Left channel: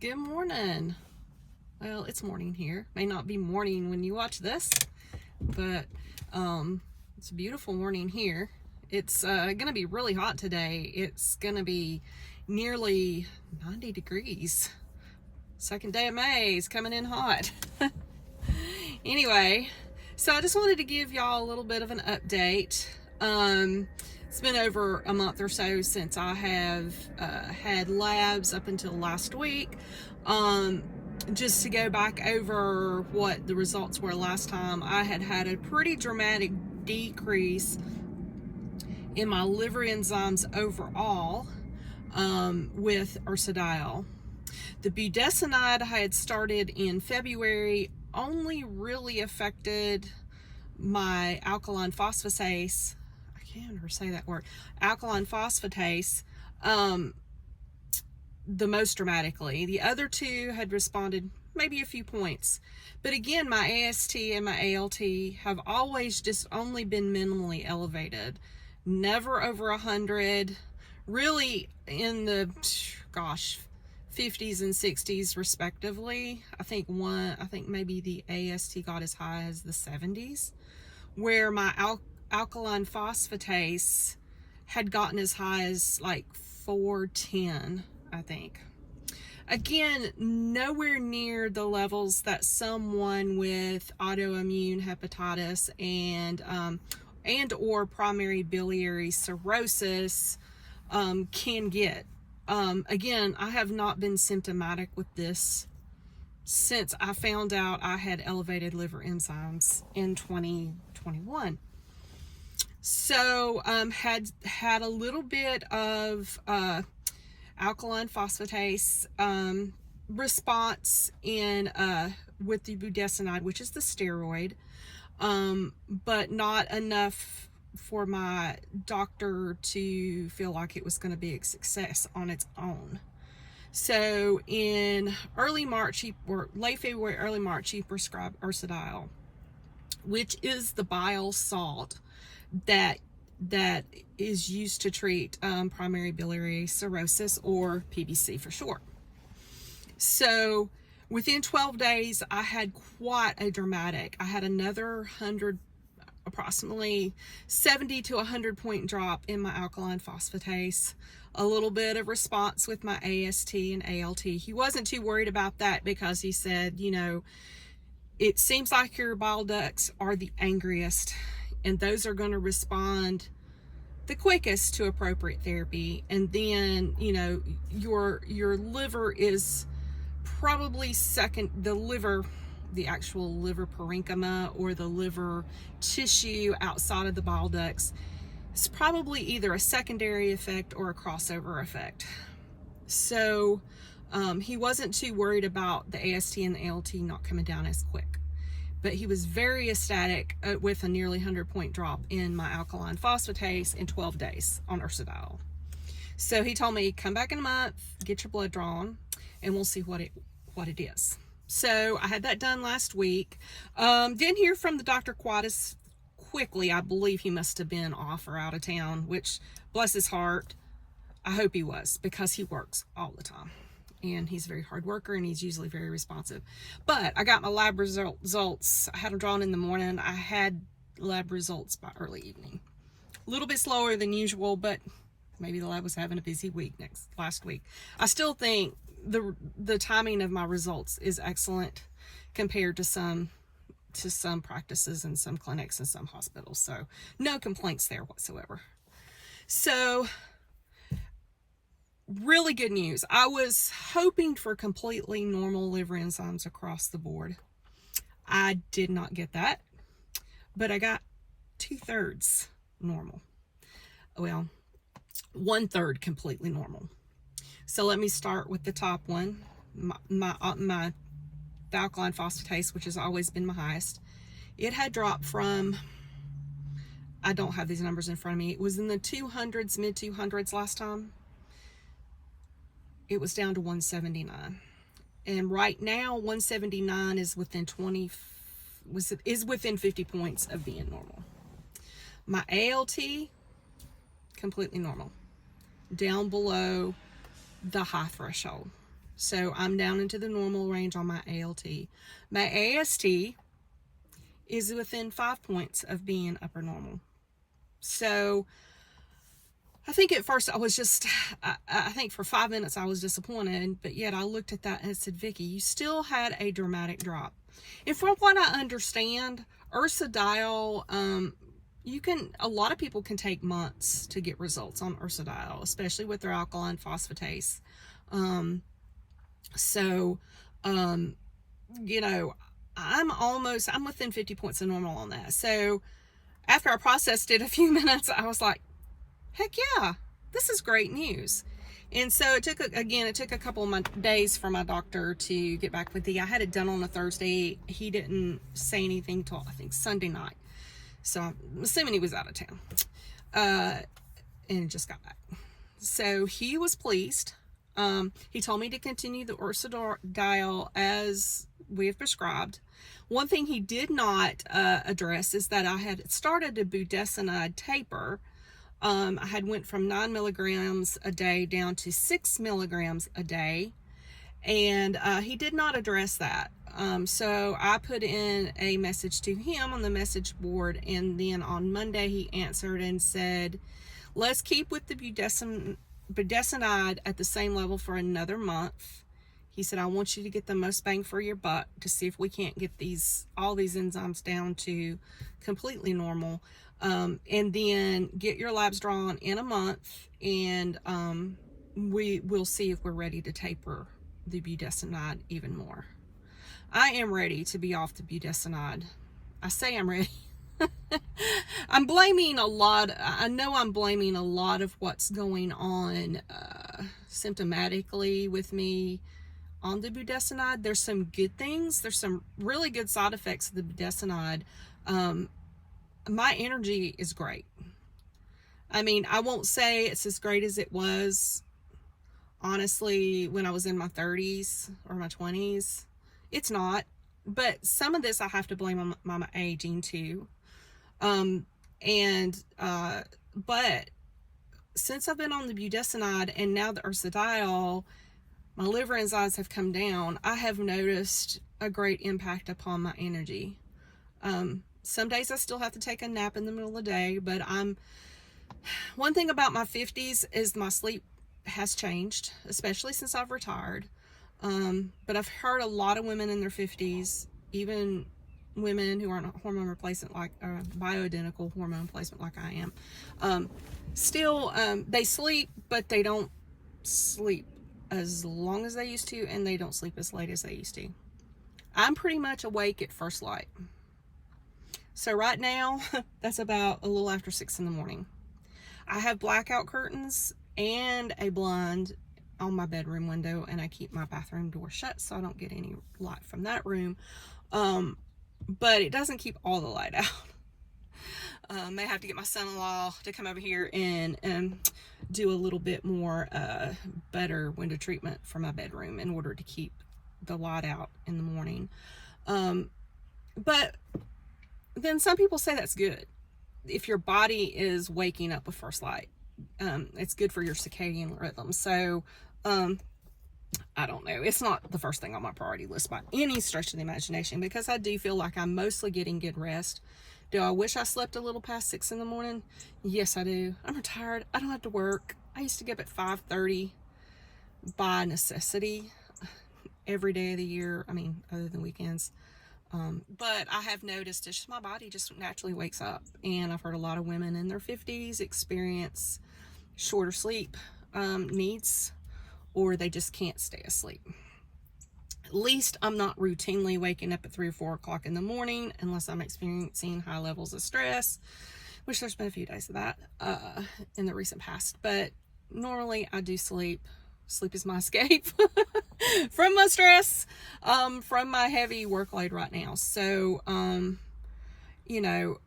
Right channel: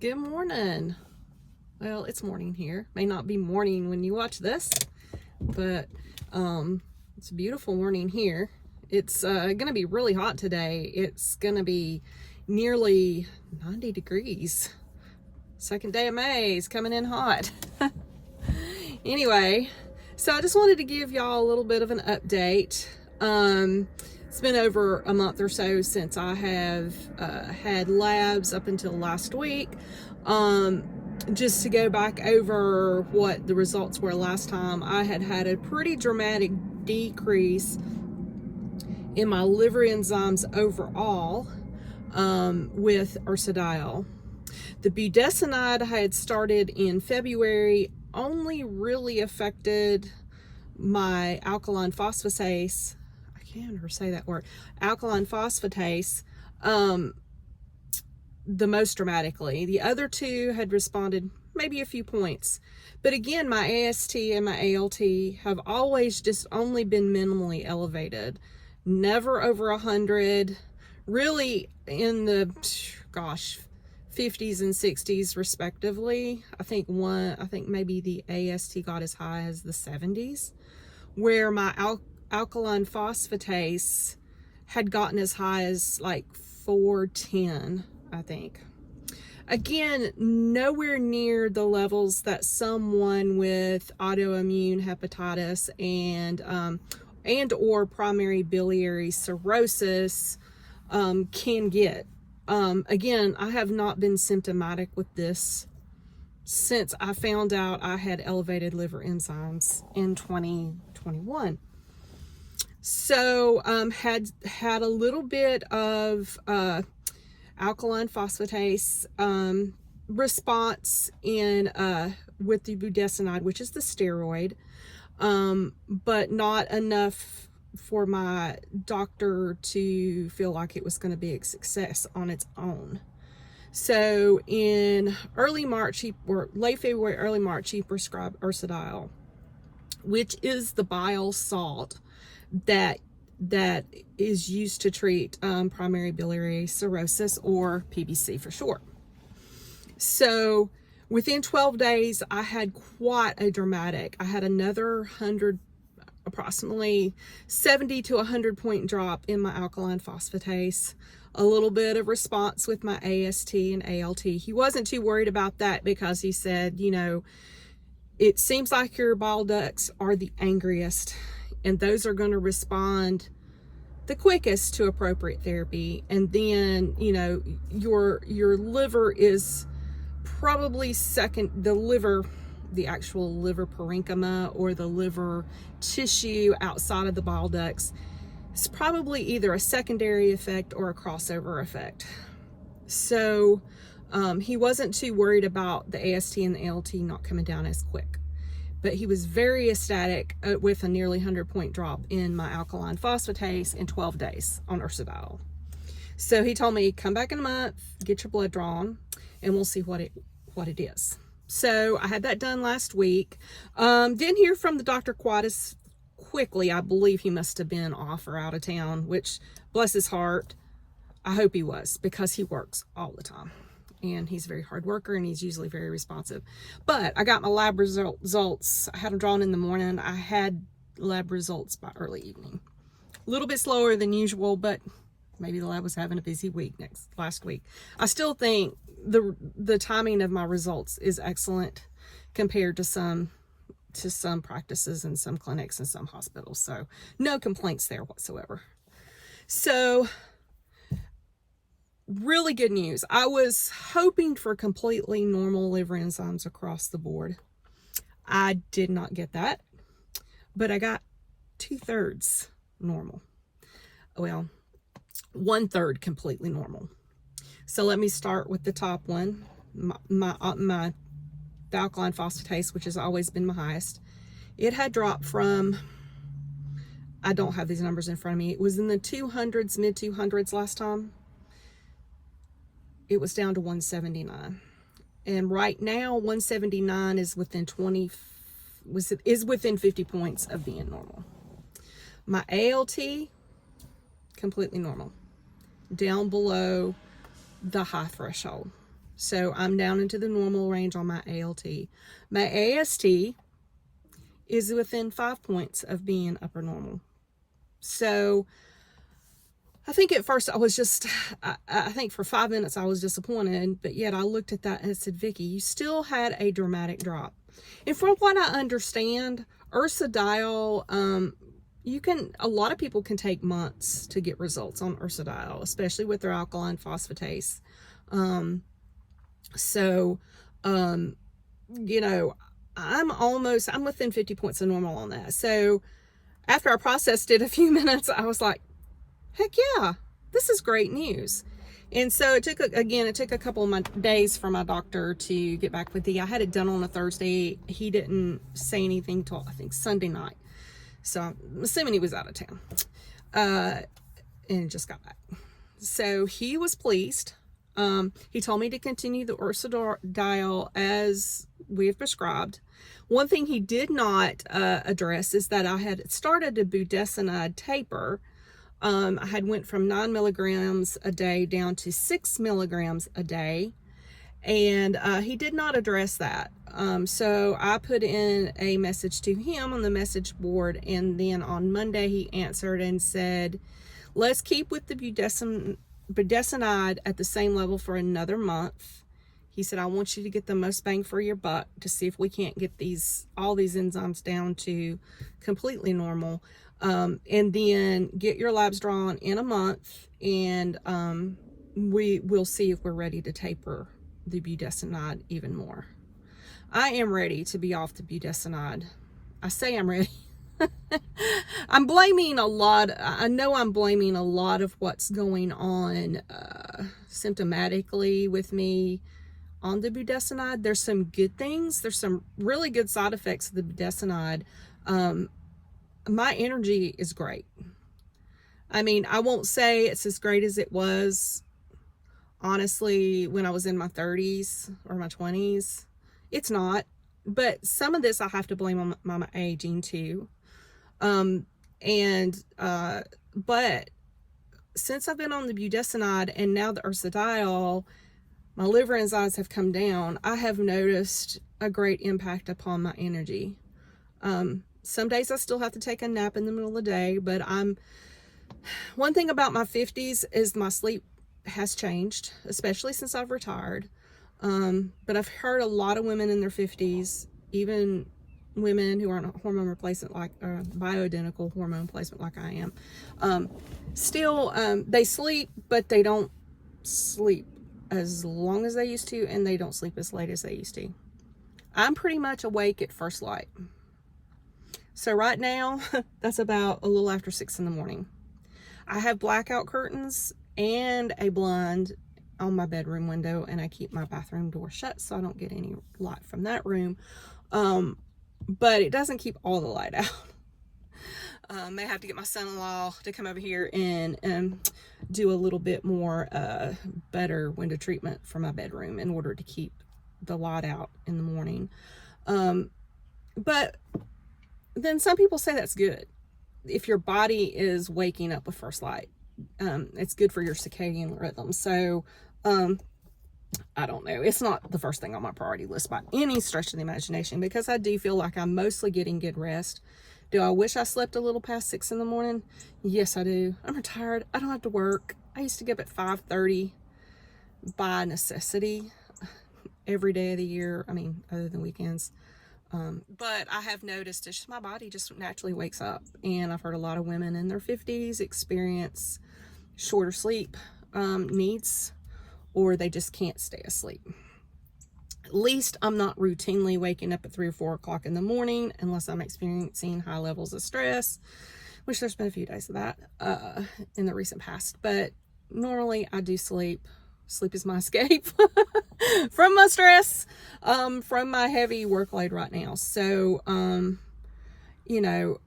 Good morning. Well, it's morning here. May not be morning when you watch this, but it's a beautiful morning here. It's gonna be really hot today. It's gonna be nearly 90 degrees. Second day of May is coming in hot. Anyway, so I just wanted to give y'all a little bit of an update. It's been over a month or so since I have had labs up until last week. Just to go back over what the results were last time, I had a pretty dramatic decrease in my liver enzymes overall with ursodiol. The budesonide I had started in February only really affected my alkaline phosphatase. I can't ever say that word. Alkaline phosphatase the most dramatically. The other two had responded maybe a few points. But again, my AST and my ALT have always just only been minimally elevated. Never over 100. Really in the, 50s and 60s respectively. I think maybe the AST got as high as the 70s, where my alkaline phosphatase had gotten as high as like 410, I think. Again, nowhere near the levels that someone with autoimmune hepatitis and or primary biliary cirrhosis can get. Again, I have not been symptomatic with this since I found out I had elevated liver enzymes in 2021. So had a little bit of alkaline phosphatase response in with the budesonide, which is the steroid, but not enough for my doctor to feel like it was going to be a success on its own. So in early March, or late February, early March, he prescribed ursodiol, which is the bile salt that is used to treat primary biliary cirrhosis, or PBC for short. So within 12 days, I had quite a dramatic, I had another approximately 70 to 100 point drop in my alkaline phosphatase, a little bit of response with my AST and ALT. He wasn't too worried about that because he said, you know, it seems like your bile ducts are the angriest, and those are going to respond the quickest to appropriate therapy. And then, you know, your liver is probably second, the actual liver parenchyma, or the liver tissue outside of the bile ducts, is probably either a secondary effect or a crossover effect. So he wasn't too worried about the AST and the ALT not coming down as quick. But he was very ecstatic with a nearly 100 point drop in my alkaline phosphatase in 12 days on ursodiol. So he told me, come back in a month, get your blood drawn, and we'll see what it is. So I had that done last week. Didn't hear from the doctor quite as quickly. I believe he must have been off or out of town, which, bless his heart, I hope he was, because he works all the time. And he's a very hard worker, and he's usually very responsive. But I got my lab results. I had them drawn in the morning. I had lab results by early evening. A little bit slower than usual, but maybe the lab was having a busy week last week. I still think the timing of my results is excellent compared to some practices and some clinics and some hospitals. So no complaints there whatsoever. So really good news. I was hoping for completely normal liver enzymes across the board. I did not get that, but I got 2/3 normal. Well, 1/3 completely normal. So let me start with the top one, the alkaline phosphatase, which has always been my highest. It had dropped from, I don't have these numbers in front of me, it was in the 200s, mid 200s last time. It was down to 179. And right now, 179 is within 50 points of being normal. My ALT, completely normal, down below the high threshold. So I'm down into the normal range on my ALT. My AST is within 5 points of being upper normal. So I think at first I was just, I think for 5 minutes I was disappointed, but yet I looked at that and said, Vicki, you still had a dramatic drop. And from what I understand, ursodiol, a lot of people can take months to get results on ursodiol, especially with their alkaline phosphatase. You know, I'm within 50 points of normal on that. So after I processed it a few minutes, I was like, heck yeah, this is great news. And so it took a couple of my days for my doctor to get back with me. I had it done on a Thursday. He didn't say anything till I think Sunday night. So I'm assuming he was out of town, and just got back. So he was pleased. He told me to continue the ursodiol as we have prescribed. One thing he did not address is that I had started a budesonide taper. I had went from 9 milligrams a day down to 6 milligrams a day, and he did not address that. So I put in a message to him on the message board, and then on Monday he answered and said, let's keep with the budesonide at the same level for another month. He said, I want you to get the most bang for your buck to see if we can't get all these enzymes down to completely normal. And then get your labs drawn in a month, and we will see if we're ready to taper the budesonide even more. I am ready to be off the budesonide. I say I'm ready. I'm blaming a lot. I know I'm blaming a lot of what's going on symptomatically with me on the budesonide. There's some good things. There's some really good side effects of the budesonide. My energy is great. I mean, I won't say it's as great as it was, honestly, when I was in my 30s or my 20s. It's not. But some of this I have to blame on my aging too. But since I've been on the budesonide and now the ursodiol, my liver enzymes have come down. I have noticed a great impact upon my energy. Some days I still have to take a nap in the middle of the day, but one thing about my 50s is my sleep has changed, especially since I've retired. But I've heard a lot of women in their 50s, even women who aren't hormone replacement, like bioidentical hormone replacement like I am, still they sleep, but they don't sleep as long as they used to, and they don't sleep as late as they used to. I'm pretty much awake at first light. So right now, that's about a little after 6 in the morning. I have blackout curtains and a blind on my bedroom window, and I keep my bathroom door shut so I don't get any light from that room. But it doesn't keep all the light out. May have to get my son-in-law to come over here and do a little bit more better window treatment for my bedroom in order to keep the light out in the morning. But then some people say that's good. If your body is waking up with first light, it's good for your circadian rhythm. So I don't know. It's not the first thing on my priority list by any stretch of the imagination, because I do feel like I'm mostly getting good rest. Do I wish I slept a little past 6 in the morning? Yes, I do. I'm retired. I don't have to work. I used to get up at 5:30 by necessity every day of the year. I mean, other than weekends. But I have noticed it's just my body just naturally wakes up. And I've heard a lot of women in their 50s experience shorter sleep needs, or they just can't stay asleep. At least I'm not routinely waking up at 3 or 4 o'clock in the morning unless I'm experiencing high levels of stress, which there's been a few days of that in the recent past. But normally I do sleep. Sleep is my escape from my stress, from my heavy workload right now. So, you know,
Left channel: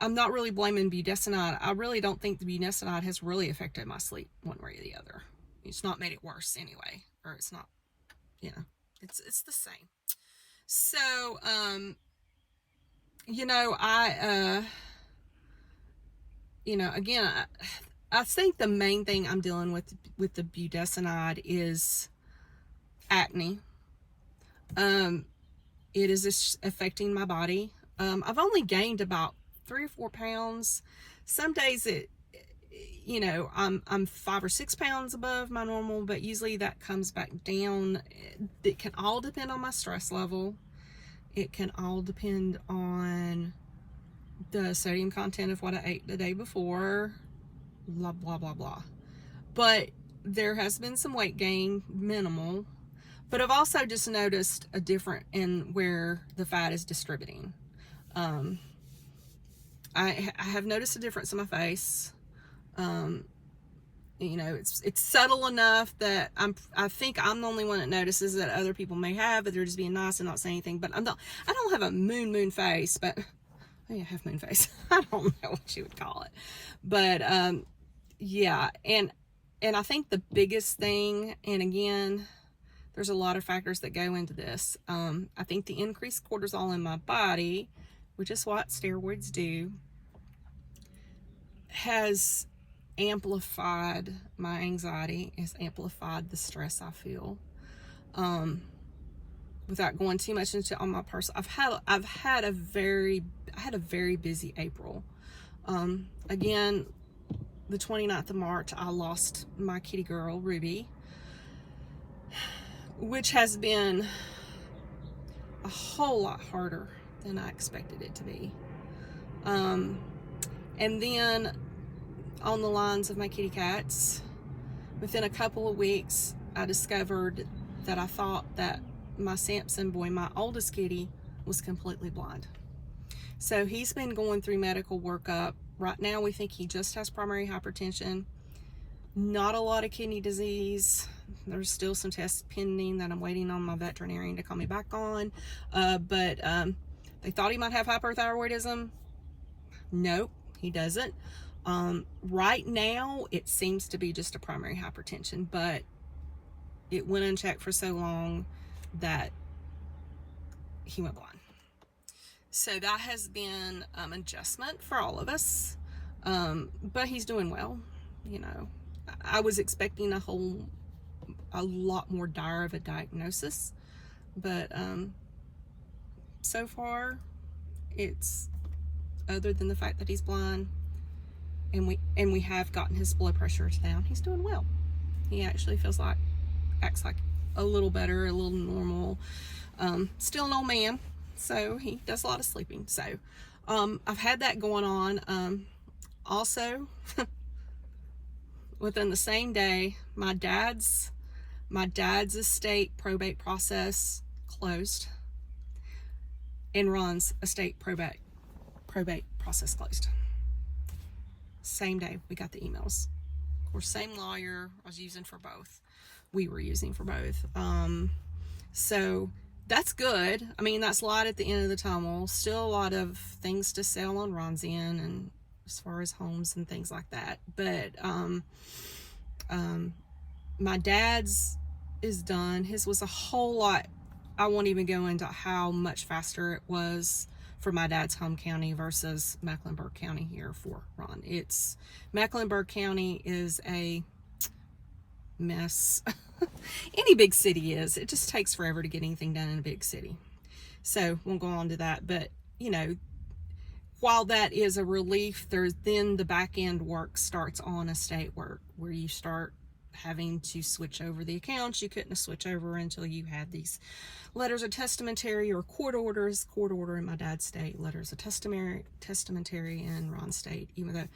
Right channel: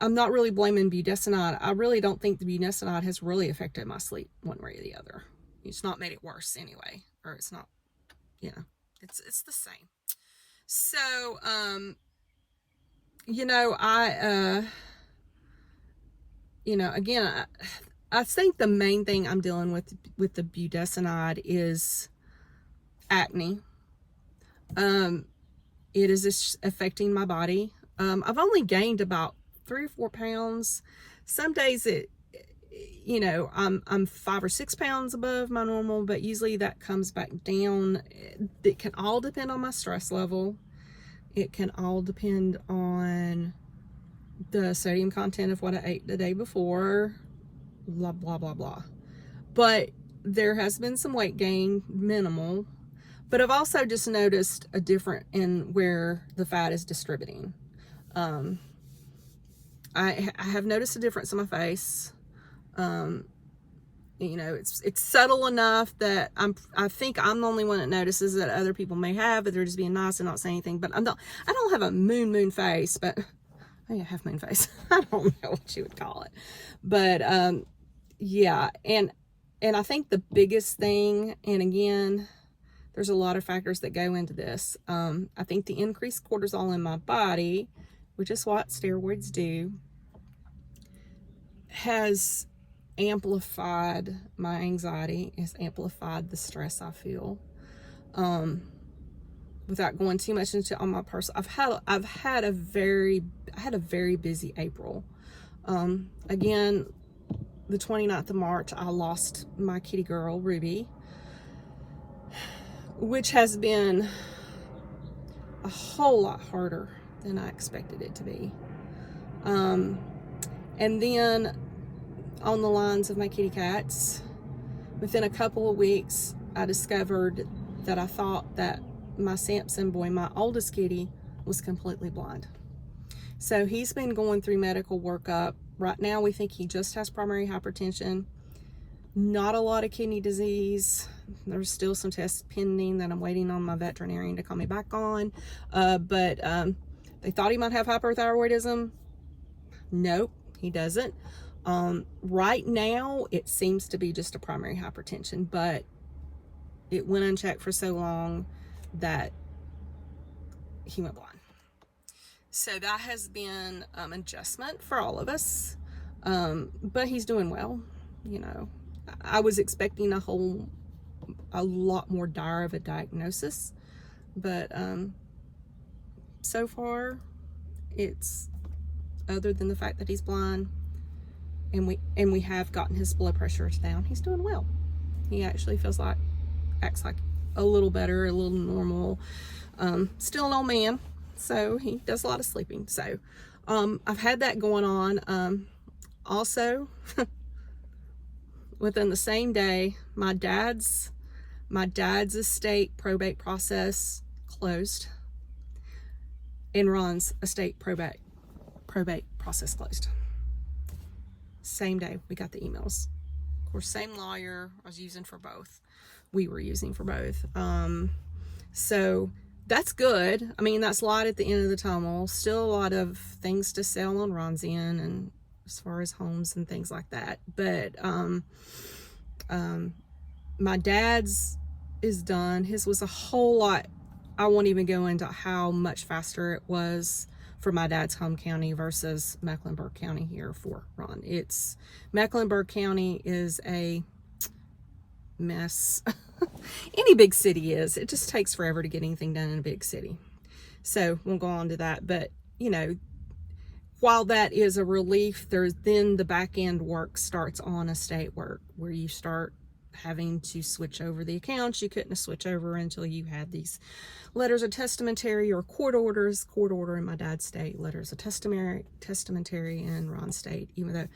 I'm not really blaming budesonide. I really don't think the budesonide has really affected my sleep one way or the other. It's not made it worse anyway, or it's not, you know, it's the same. So, you know, you know, again, I think the main thing I'm dealing with the budesonide is acne. It is affecting my body. I've only gained about 3 or 4 pounds. Some days I'm 5 or 6 pounds above my normal, but usually that comes back down. It can all depend on my stress level. It can all depend on the sodium content of what I ate the day before, blah, blah, blah, blah. But there has been some weight gain, minimal. But I've also just noticed a difference in where the fat is distributing. I have noticed a difference in my face. It's subtle enough that I think I'm the only one that notices that other people may have, but they're just being nice and not saying anything. But I don't have a moon face, but I have moon face. I don't know what you would call it. But yeah, and I think the biggest thing, and again, there's a lot of factors that go into this. I think the increased cortisol in my body, which is what steroids do, has amplified my anxiety, has amplified the stress I feel. Without going too much into on my personal, I had a very busy April. Again, the 29th of March, I lost my kitty girl, Ruby, which has been a whole lot harder than I expected it to be. And then on the lines of my kitty cats, within a couple of weeks, I discovered that I thought that my Samson boy, my oldest kitty, was completely blind. So he's been going through medical workup. Right now, we think he just has primary hypertension. Not a lot of kidney disease. There's still some tests pending that I'm waiting on my veterinarian to call me back on. But they thought he might have hyperthyroidism. Nope, he doesn't. Right now, it seems to be just a primary hypertension, but it went unchecked for so long that he went blind. So that has been an adjustment for all of us. But he's doing well. I was expecting a lot more dire of a diagnosis, but so far it's, other than the fact that he's blind, and we have gotten his blood pressure down, he's doing well. He actually acts like a little better, a little normal. Still an old man, so he does a lot of sleeping. So I've had that going on. Also, within the same day, my dad's estate probate process closed, and Ron's estate probate process closed. Same day we got the emails. Of course, same lawyer I was using for both. We were using for both. So that's good. I mean, that's light at the end of the tunnel. Still a lot of things to sell on Ron's end, and as far as homes and things like that. But my dad's is done. His was a whole lot. I won't even go into how much faster it was for my dad's home county versus Mecklenburg County here for Ron. Mecklenburg County is a mess. Any big city is. It just takes forever to get anything done in a big city. So we'll go on to that. But, while that is a relief, then the back end work starts on estate work, where you start having to switch over the accounts you couldn't switch over until you had these letters of testamentary or court orders. Court order in my dad's state, letters of testamentary in Ron's state. Even though,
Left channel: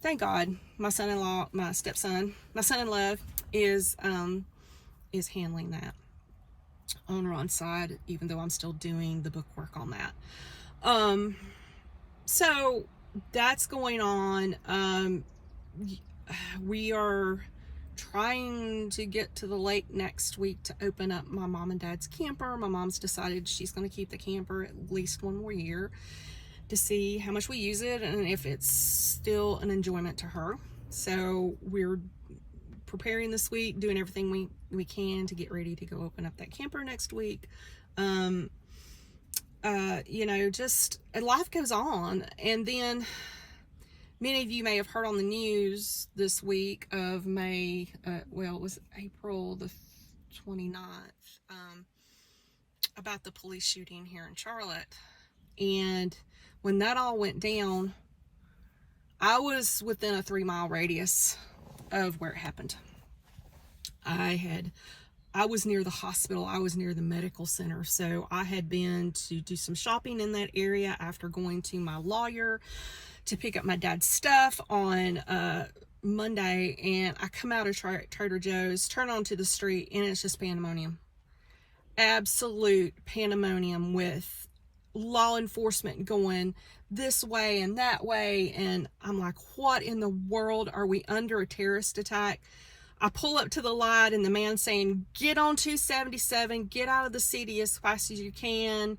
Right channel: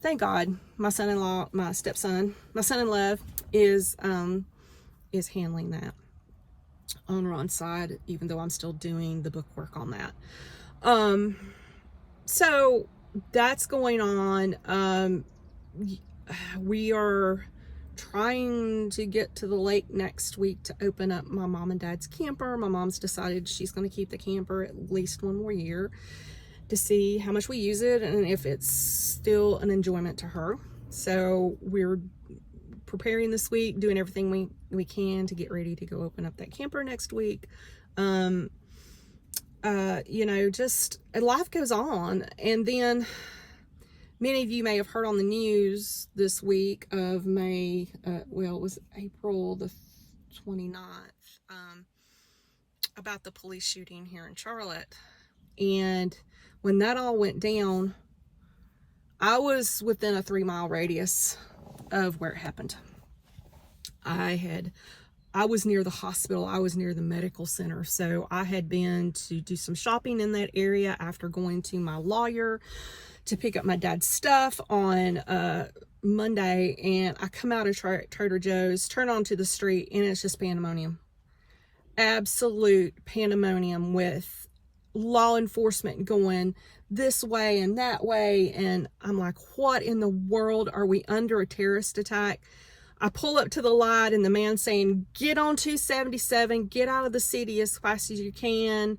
thank God, my son-in-law, my son-in-law is handling that on Ron's side, even though I'm still doing the book work on that. So that's going on. We are trying to get to the lake next week to open up my mom and dad's camper. My mom's decided she's going to keep the camper at least one more year to see how much we use it and if it's still an enjoyment to her. So we're preparing this week, doing everything we can to get ready to go open up that camper next week. Just life goes on. And then many of you may have heard on the news this week of it was April the 29th, about the police shooting here in Charlotte. And when that all went down, I was within a 3-mile radius of where it happened. I was near the hospital. I was near the medical center. So I had been to do some shopping in that area after going to my lawyer to pick up my dad's stuff on Monday. And I come out of Trader Joe's, turn onto the street, and it's just pandemonium. Absolute pandemonium, with law enforcement going this way and that way. And I'm like, what in the world? Are we under a terrorist attack? I pull up to the light, and the man saying, get on 277, get out of the city as fast as you can.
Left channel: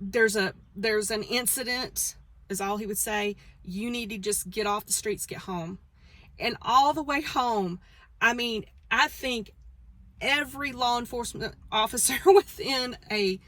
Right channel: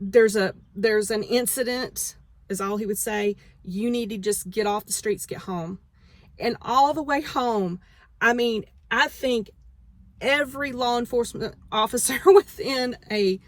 There's an incident, is all he would say. You need to just get off the streets, get home. And all the way home, I mean, I think every law enforcement officer within a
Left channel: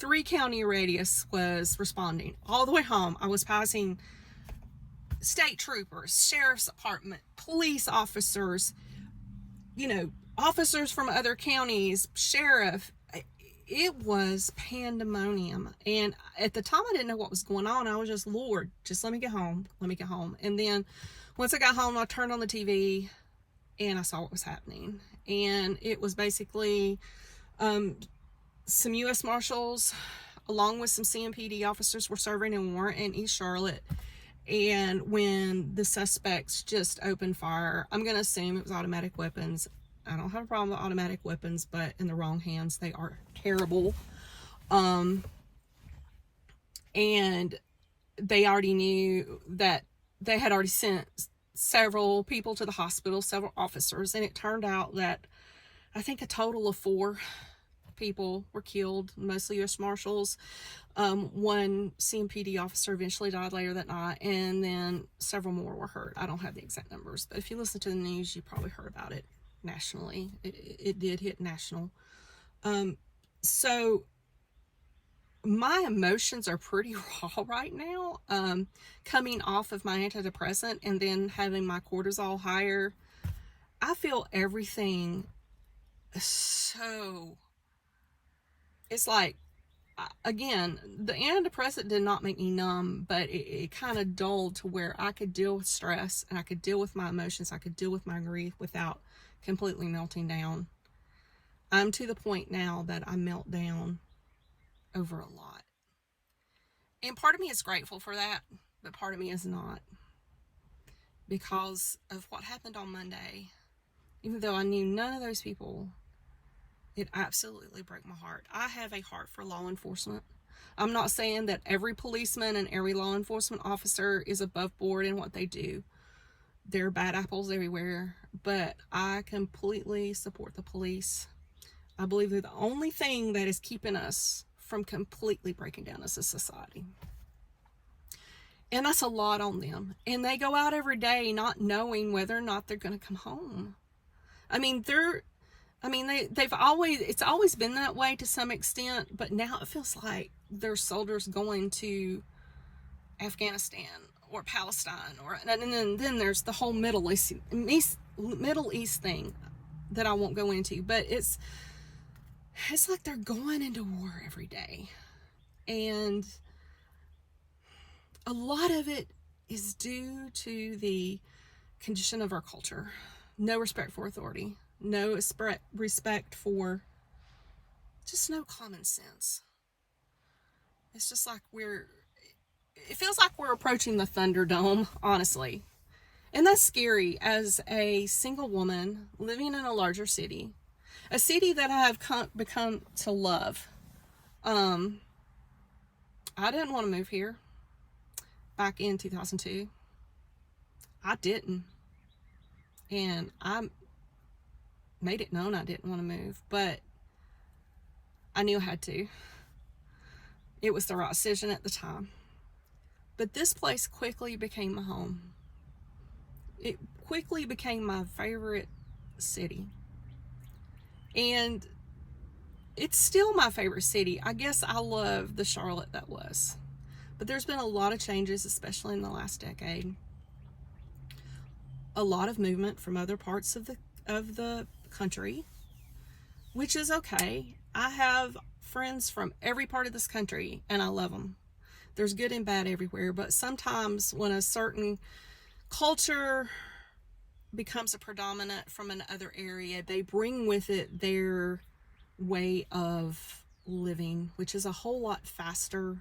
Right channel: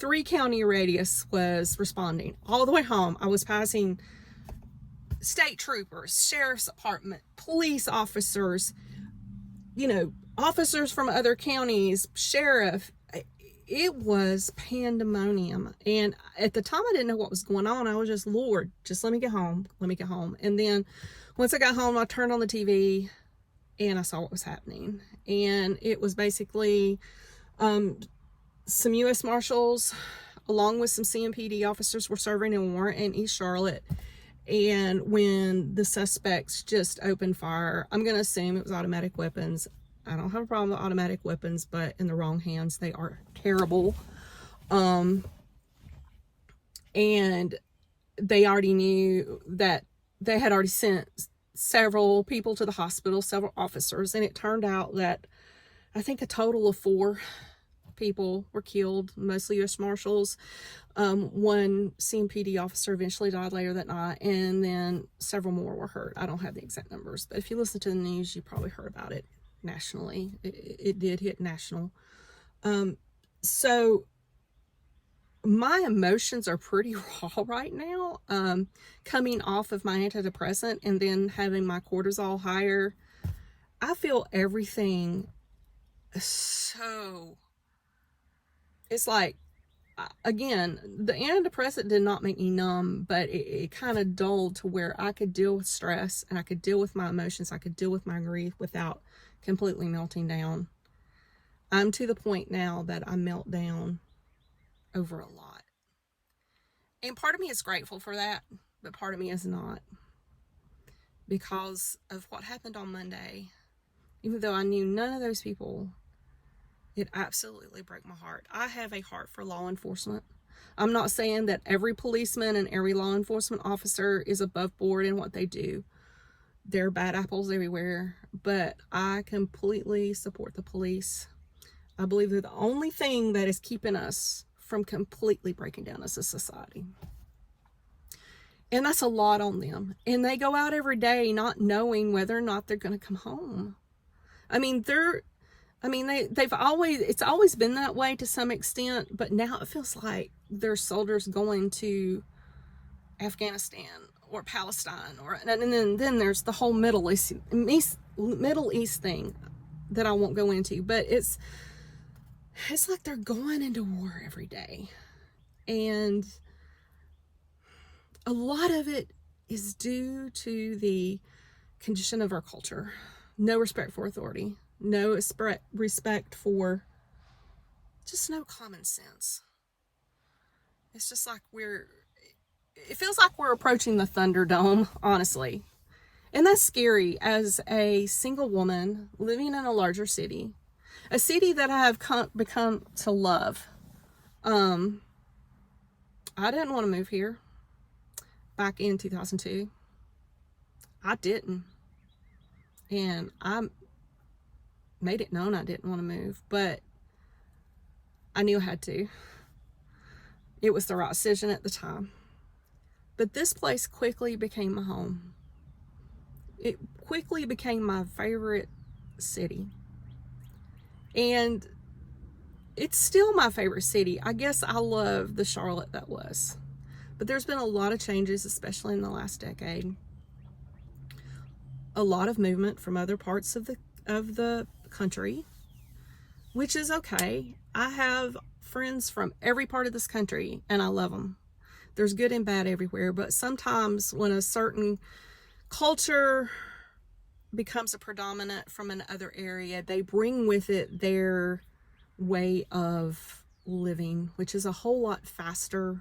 3-county radius was responding. All the way home, I was passing state troopers, sheriff's department, police officers, officers from other counties, sheriff. It was pandemonium. And at the time, I didn't know what was going on. I was just, Lord, just let me get home. Let me get home. And then once I got home, I turned on the TV and I saw what was happening. And it was basically some U.S. Marshals along with some CMPD officers were serving a warrant in East Charlotte. And when the suspects just opened fire, I'm going to assume it was automatic weapons. I don't have a problem with automatic weapons, but in the wrong hands, they are terrible. And they already knew that they had already sent several people to the hospital, several officers. And it turned out that I think a total of 4 people were killed, mostly U.S. Marshals. One CMPD officer eventually died later that night, and then several more were hurt. I don't have the exact numbers, but if you listen to the news, you probably heard about it nationally. It did hit national. So my emotions are pretty raw right now. Coming off of my antidepressant and then having my cortisol higher, I feel everything so... It's like, again, the antidepressant did not make me numb, but it kind of dulled to where I could deal with stress and I could deal with my emotions. I could deal with my grief without completely melting down. I'm to the point now that I melt down over a lot. And part of me is grateful for that, but part of me is not. Because of what happened on Monday, even though I knew none of those people, it absolutely broke my heart. I have a heart for law enforcement. I'm not saying that every policeman and every law enforcement officer is above board in what they do. There are bad apples everywhere, but I completely support the police. I believe they're the only thing that is keeping us from completely breaking down as a society. And that's a lot on them. And they go out every day not knowing whether or not they're going to come home. It's always been that way to some extent, but now it feels like there's soldiers going to Afghanistan or Palestine, and then there's the whole Middle East thing that I won't go into, but it's like they're going into war every day. And a lot of it is due to the condition of our culture. No respect for authority. No respect for just no common sense. It's just like it feels like we're approaching the Thunderdome, honestly. And that's scary as a single woman living in a larger city. A city that I have become to love. I didn't want to move here back in 2002. I didn't. And I made it known I didn't want to move, but I knew I had to. It was the right decision at the time. But this place quickly became my home. It quickly became my favorite city. And it's still my favorite city. I guess I love the Charlotte that was. But there's been a lot of changes, especially in the last decade. A lot of movement from other parts of the country. which is okay. I have friends from every part of this country and I love them. There's good and bad everywhere, but sometimes when a certain culture becomes a predominant from another area, they bring with it their way of living, which is a whole lot faster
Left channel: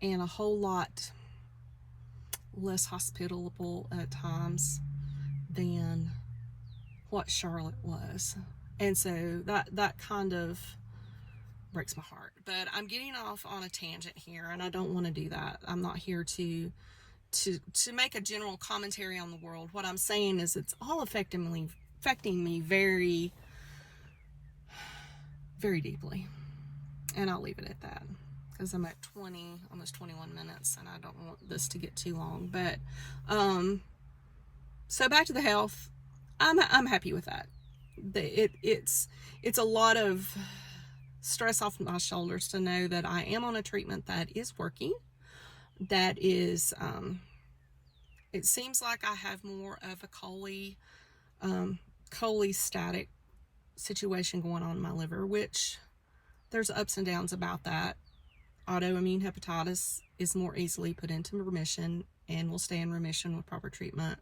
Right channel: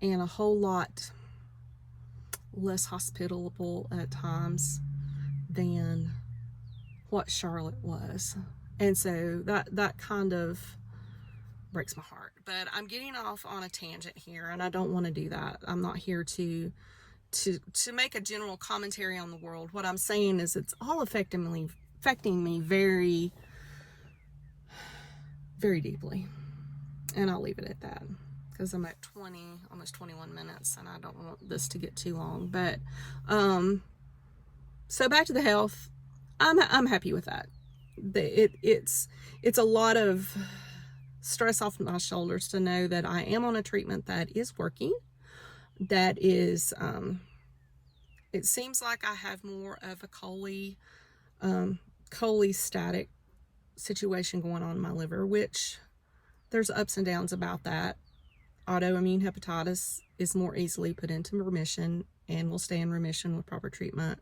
and a whole lot less hospitable at times than what Charlotte was. And so that kind of breaks my heart. But I'm getting off on a tangent here, and I don't want to do that. I'm not here to make a general commentary on the world. What I'm saying is it's all affecting me very, very deeply. And I'll leave it at that, because I'm at almost 21 minutes, and I don't want this to get too long. But so back to the health. I'm happy with that. It's a lot of stress off my shoulders to know that I am on a treatment that is working, that is it seems like I have more of a cholestatic situation going on in my liver, which there's ups and downs about that. Autoimmune hepatitis is more easily put into remission and will stay in remission with proper treatment.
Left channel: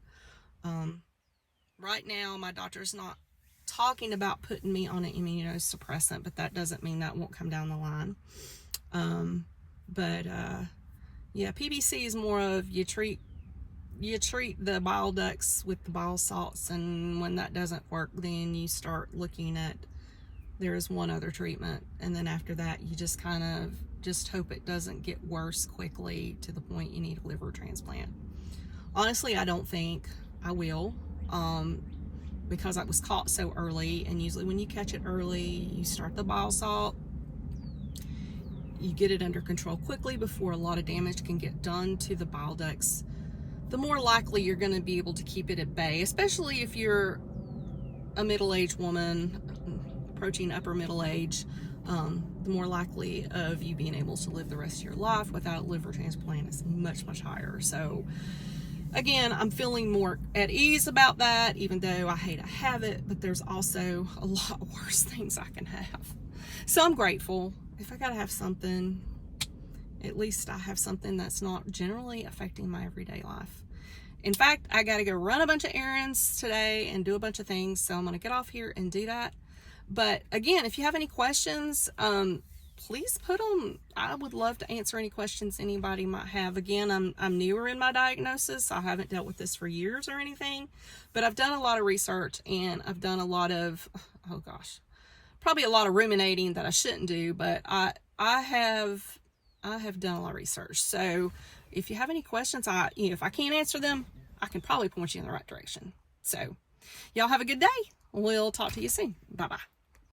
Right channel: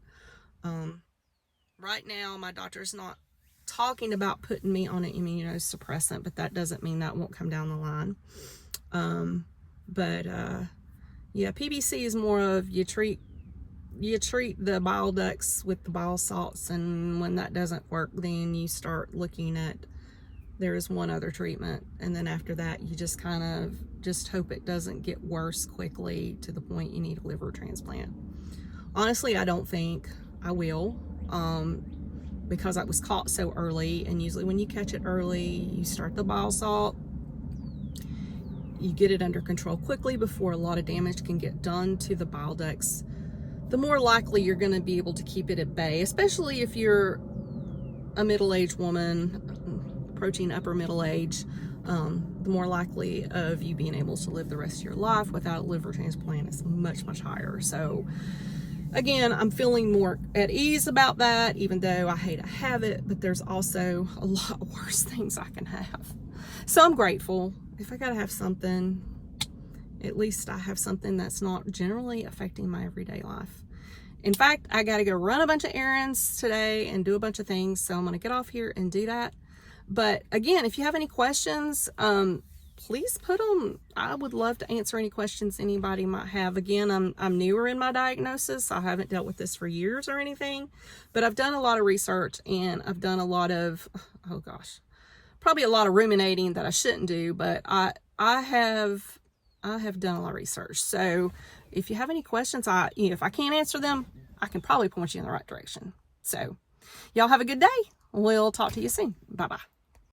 Right now my doctor's not talking about putting me on an immunosuppressant, but that doesn't mean that won't come down the line. Yeah, PBC is more of you treat the bile ducts with the bile salts, and when that doesn't work, then you start looking at, there is one other treatment, and then after that you just kind of just hope it doesn't get worse quickly to the point you need a liver transplant. Honestly, I don't think I will, because I was caught so early, and usually when you catch it early, you start the bile salt, you get it under control quickly before a lot of damage can get done to the bile ducts, the more likely you're going to be able to keep it at bay, especially if you're a middle-aged woman approaching upper middle age. The more likely of you being able to live the rest of your life without a liver transplant is much, much higher. So again, I'm feeling more at ease about that, even though I hate to have it, but there's also a lot worse things I can have. So I'm grateful. If I gotta have something, at least I have something that's not generally affecting my everyday life. In fact, I gotta go run a bunch of errands today and do a bunch of things, so I'm gonna get off here and do that. But again, if you have any questions, please put them. I would love to answer any questions anybody might have. Again, I'm newer in my diagnosis. I haven't dealt with this for years or anything, but I've done a lot of research, and I've done a lot of, oh gosh, probably a lot of ruminating that I shouldn't do, but I have done a lot of research. So if you have any questions, if I can't answer them, I can probably point you in the right direction. So y'all have a good day. We'll talk to you soon. Bye-bye.